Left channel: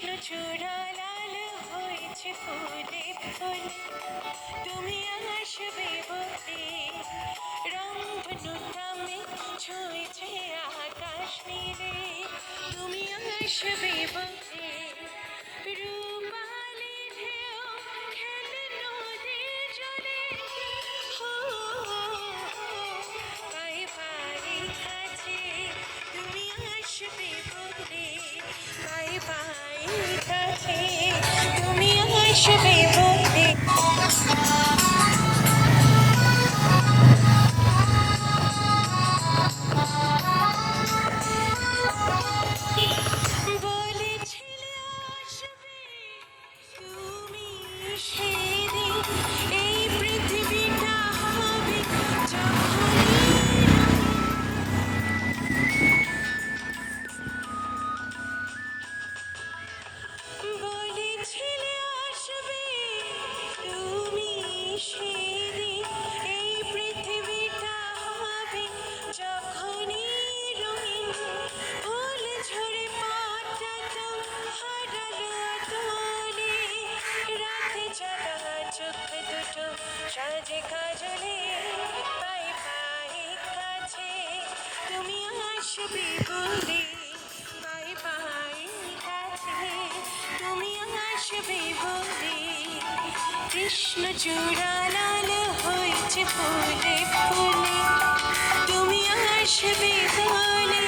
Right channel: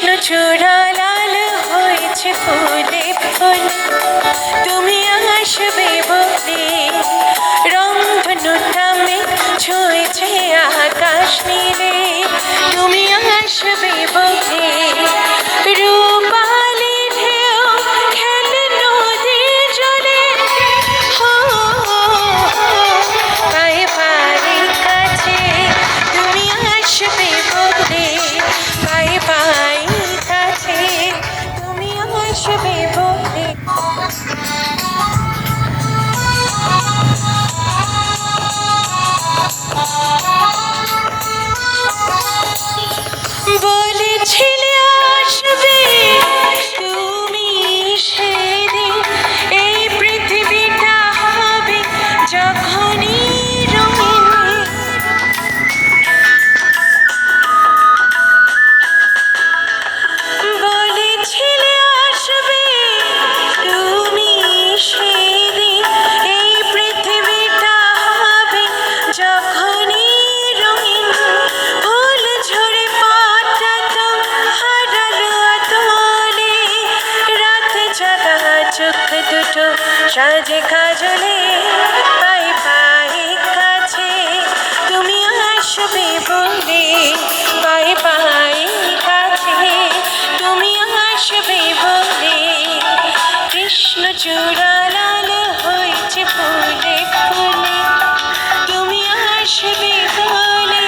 কৃষ্ণচূড়া লাল হয়েছে ফুলে ফুল, তুমি আসবে বলে রংধনুটা ছুঁয়েছে আকাশ নীলে, তুমি আসবে বলে রূপালি ঢেউ খেলে নদী জলে, পায়ে পায়ে কাছে তুমি আসবে বলে, পায়ে পায়ে কাছে তুমি আসবে বলে। বলেছিলে আসবে তুমি সেদিন, এই পৃথিবীটা হবে যখনই রঙিন। বলেছিলে আসবে তুমি সেদিন, এই পৃথিবীটা হবে যখনই রঙিন। ফুল ঝরে পাতা তো হারালো আতলে, রাত জাগা চোখ দুটো সাজে কাজলে, পায়ে পায়ে কাছে তুমি আসবে বলে, পায়ে পায়ে কাছে তুমি আসবে বলে। কৃষ্ণচূড়া লাল হয়েছে ফুলে ফুলে, তুমি আসবে বলে।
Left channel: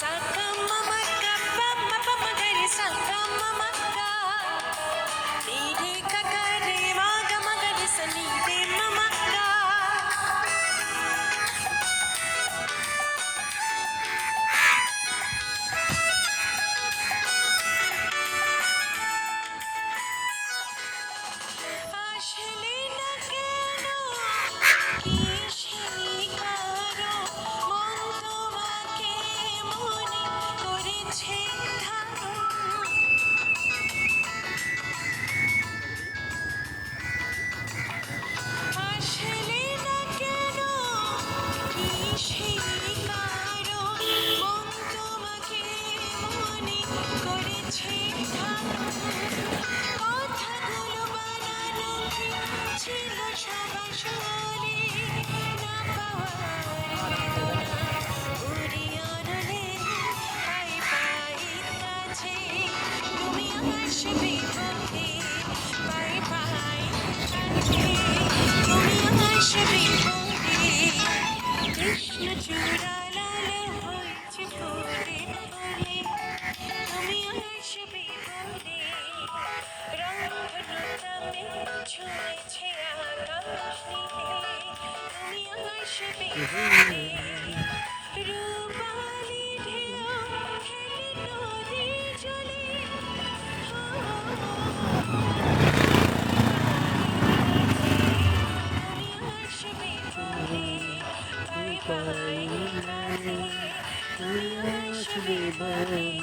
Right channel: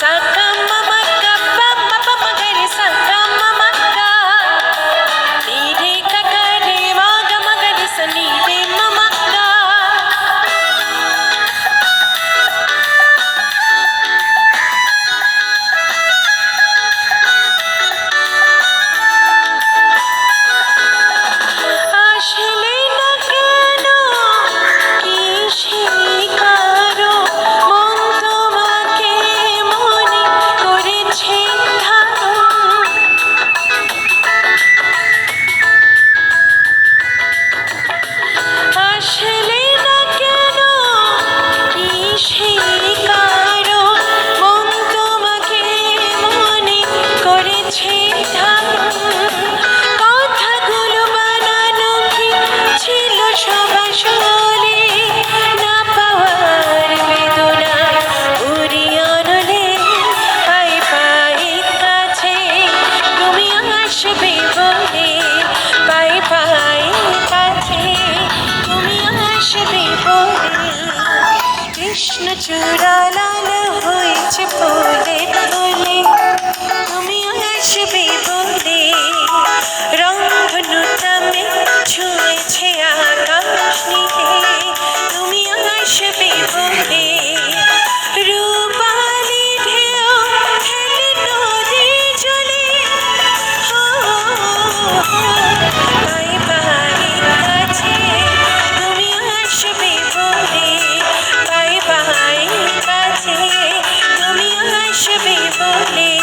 Saka mama kappa mappa magari saka mama ka, ni re ka ka re ma ga ma ga re sa ni re mama ka. আসলে না কেন কি শিকারো, মন তোমাকে মনে করেছে ধারণ। আসলে না কেন কি শিকারো, মন তোমাকে মনে করেছে ধারণ। কথাগুলো বানানো কি ছিল সব আসলে, না পাওয়ার বেদনা উড়ি আনলে, পায়ে পায়ে কাছে তুমি আসবে বলে, পায়ে পায়ে কাছে তুমি আসবে বলে। কৃষ্ণচূড়া লাল হয়েছে ফুলে ফুলে, তুমি আসবে বলে রংধনুটা ছুঁয়েছে আকাশ নীলে, তুমি আসবে বলে রূপালি ঢেউ খেলে নদী জলে, পায়ে পায়ে কাছে তুমি আসবে বলে, পায়ে পায়ে কাছে তুমি আসবে বলে।